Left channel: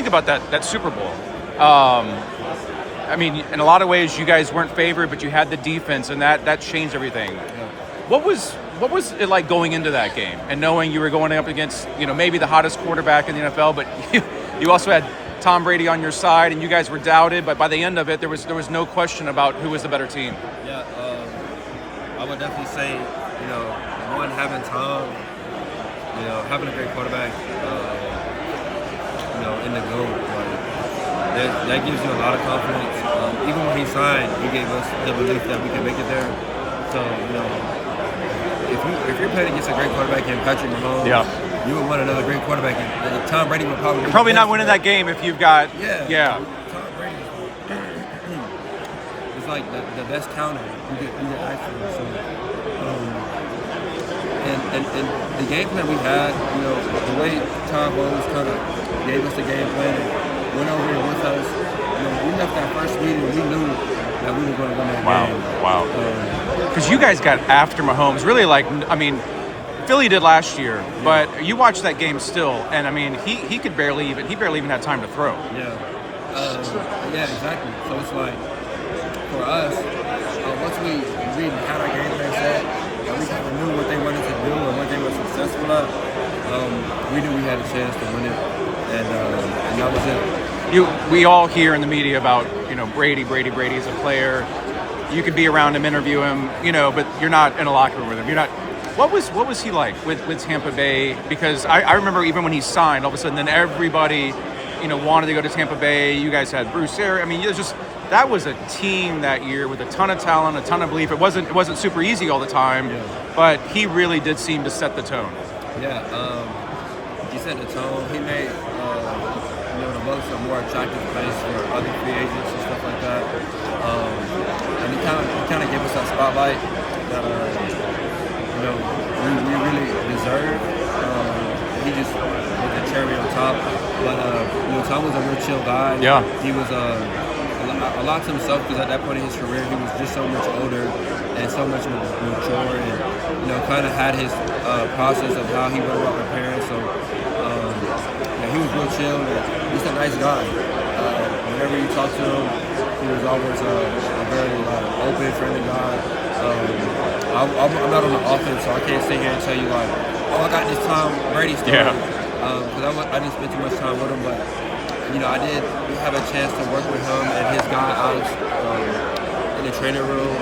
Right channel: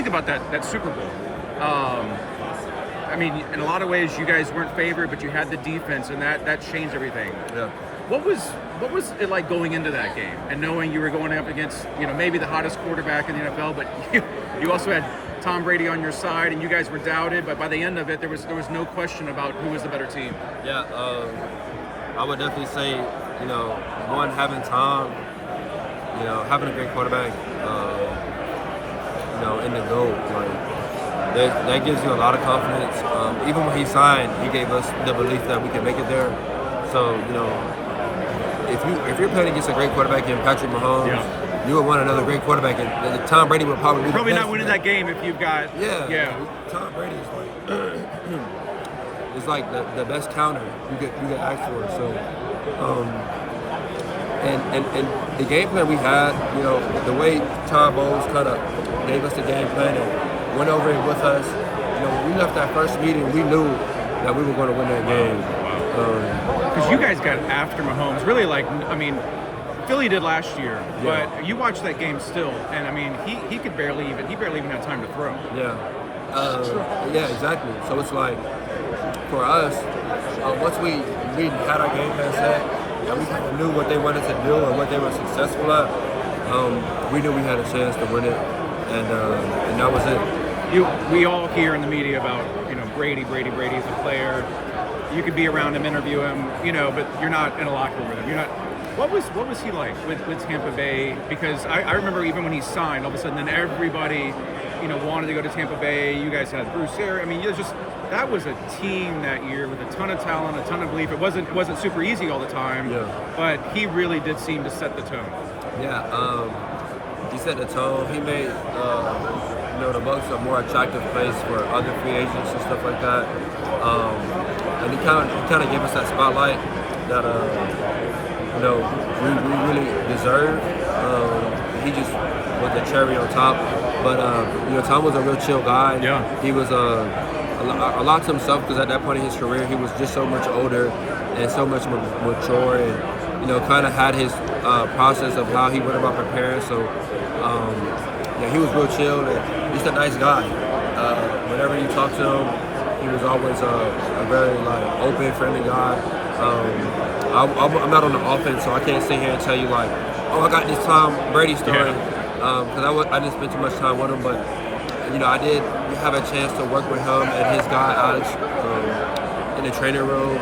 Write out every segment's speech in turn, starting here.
think about that Super Bowl? I mean, in a lot of ways, you guys weren't favored, but you had the defense, and that changed everything. Yeah. What was it like going into that game and knowing you were going up against, maybe the hottest quarterback in the NFL, but you also had Tom Brady on your side, and you guys were doubted, but by the end of it, there was no question about who was the better team. Yeah, I would definitely say, one, having Tom, having a great quarterback, in the GOAT, that gives you a lot of confidence. Even when he signed, he gave us the belief that we could make it there. So, if you're playing against a great quarterback in Patrick Mahomes, you would want another great quarterback. And Tom Brady would probably not winning that game if you've got Tom Brady is like the best counter you could ask for. So, and the game plan we had, the way Tom always kind of gave us the game plan and went over it with us. When we left that first meeting, we knew that we were going to win that game. Wow. Because you guys got after Mahomes, really Philly did last year, but you watched that game still, and he barely even had time to throw. Yeah, exactly. So it's like for us, once we had our game plan set, and we kind of knew what they wanted to do and what they were successful at, we knew we had a chance to win it, and that was it. We all hear in the media about Brady as a player. You could be around him, interview him, but you're not in a locker room with him. You're not. What was he like with Tampa Bay? Because I remember even when he signed, all of a sudden, then everybody, wanted to go to Tampa Bay. You guys had Bruce Arians. That was a team that year with a ton of talent, a ton of belief. It wasn't super easy all the time, but he really did seem to set the tone. Yeah, he set the tone. He made the Bucs a more attractive place for other free agents and stuff like that. And he kind of gave us that spotlight that we really deserve. He just was the cherry on top. But Tom was a real chill guy. Yeah. He was a lot to himself because at that point in his career he was just so much older and so much mature, and kind of had his process of how he went about preparing. So he was real chill, and he's a nice guy. Whenever you talk to him, he was always a very open, friendly guy. I'm not on the offense, so I can't sit here and tell you I got this Tom Brady story, because I didn't spend too much time with him. But I did have a chance to work with him and his guy Alex in the training room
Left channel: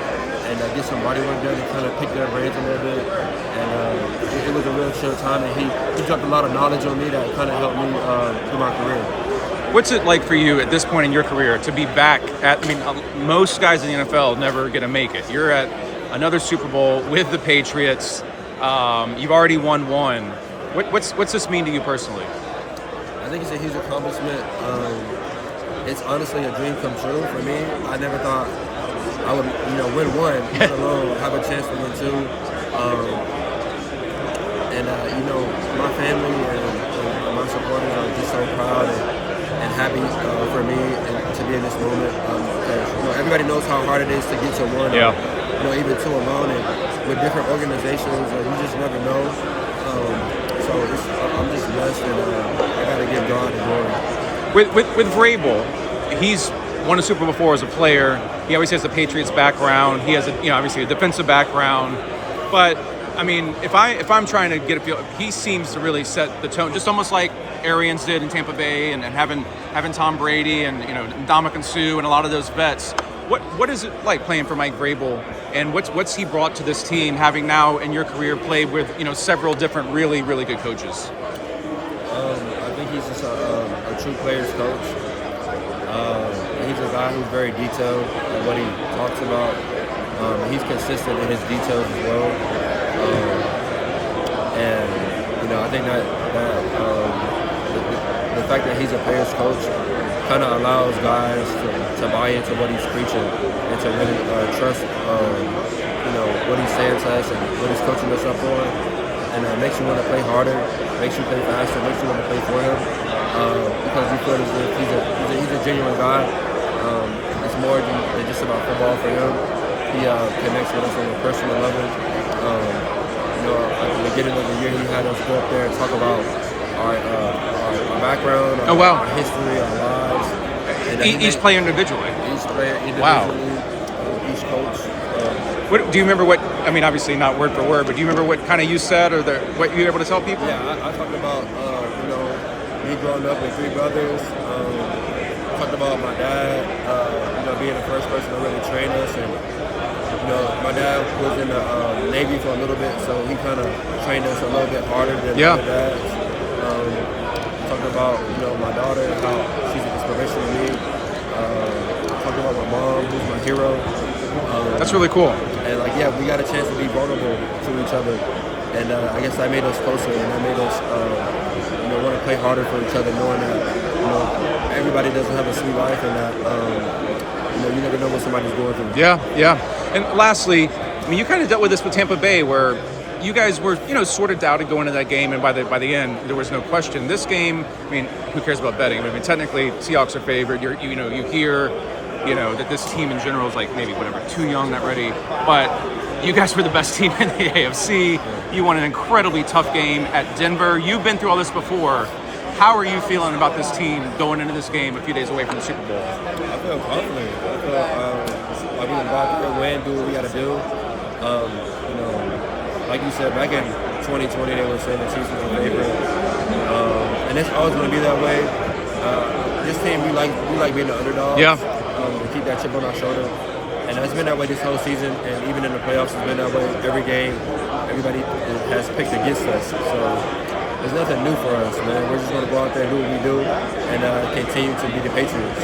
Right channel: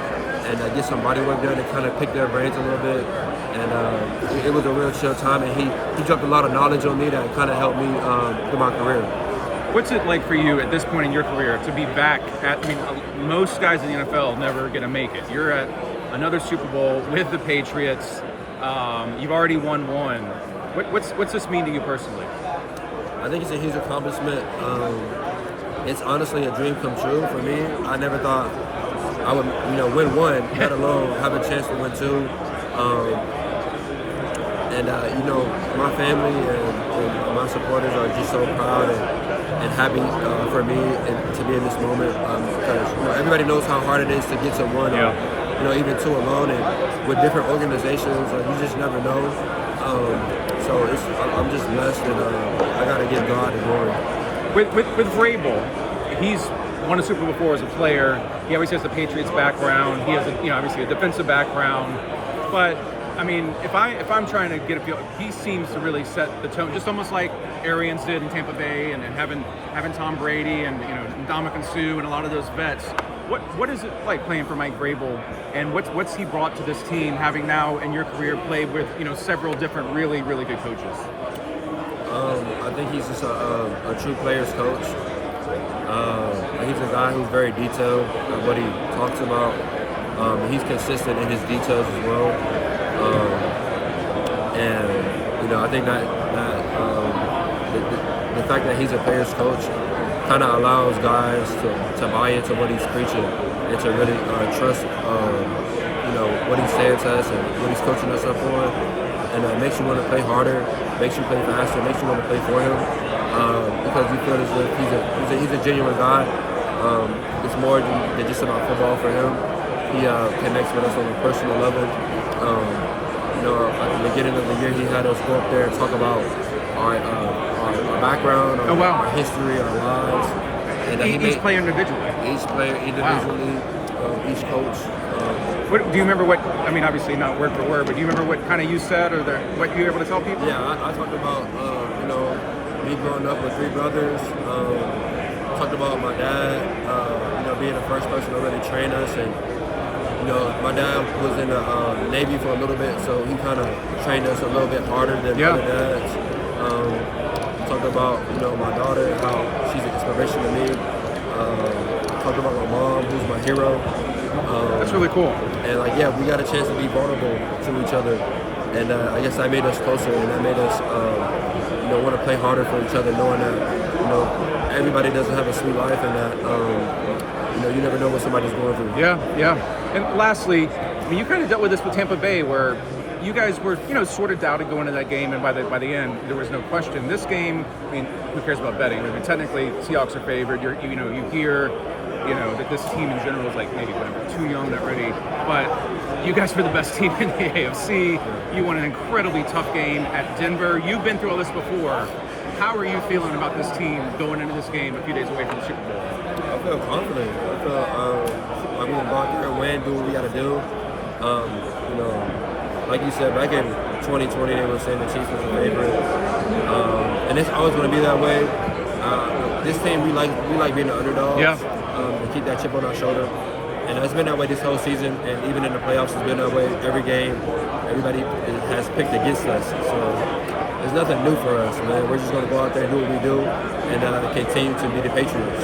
and get some body work done and kind of pick their brains a little bit. And it was a real chill time, and he dropped a lot of knowledge on me that kind of helped me through my career. What's it like for you at this point in your career to be back at? Most guys in the NFL never get to make it. You're at another Super Bowl with the Patriots. You've already won one. What's this mean to you personally? I think it's a huge accomplishment. It's honestly a dream come true for me. I never thought I would, win one, let alone have a chance to win two. My family and my supporters are just so proud and happy for me and to be in this moment, because everybody knows how hard it is to get to one, or even two alone, and with different organizations, you just never know. So I'm just blessed, and I got to give God the glory. With Vrabel, he's won a Super Bowl before as a player. He always has the Patriots background. He has obviously a defensive background, but if I'm trying to get a feel, he seems to really set the tone, just almost like Arians did in Tampa Bay, and having Tom Brady and Ndamukong Suh and a lot of those vets. What is it like playing for Mike Vrabel, and what's he brought to this team, having now in your career played with several different really really good coaches? I think he's just a true player's coach. He's a guy who's very detailed at what he talks about. He's consistent in his details as well. I think that the fact that he's a player's coach kind of allows guys to buy into what he's preaching and to really trust what he's saying to us and what he's coaching us up on. And it makes you want to play harder, makes you play faster, makes you want to play for him, because you feel as if he's a genuine guy. It's more than just about football for him. He connects with us on a personal level. At the beginning of the year, he had us go up there and talk about our background, Oh, wow. our history, our lives. And Each player individually. Each player individually, Wow. Each coach. What, do you remember what, I mean, obviously not word for word, but do you remember what kind of you said or what you were able to tell people? Yeah, I talked about, me growing up with 3 brothers. Talked about my dad, being the first person to really train us. And, my dad was in the Navy for a little bit, so he kind of trained us a little bit harder than other dads. Talked about, my daughter, how she's an inspiration to me. Talked about my mom, who's my hero. That's really cool. And we got a chance to be vulnerable to each other, and I guess that made us closer, and that made us, want to play harder for each other, knowing that, everybody doesn't have a sweet life, and that, you never know what somebody's going through. Yeah. And lastly, I mean, you kind of dealt with this with Tampa Bay, where you guys were, sort of doubted going into that game, and by the end, there was no question. This game, I mean, who cares about betting? I mean, technically, Seahawks are favored. You hear. That this team in general is maybe too young, not ready. But you guys were the best team in the AFC. Yeah. You won an incredibly tough game at Denver. You've been through all this before. How are you feeling about this team going into this game a few days away from the Super Bowl? I feel confident. I feel like we can go out there and win, do what we got to do. Like you said, back in 2020, they were saying the Chiefs was the favorite. And it's always going to be that way. This team, we like being the underdogs. Yeah. To keep that chip on our shoulder. And it's been that way this whole season, and even in the playoffs, it's been that way every game. Everybody has picked against us. So there's nothing new for us, man. We're just going to go out there and do what we do and continue to be the Patriots.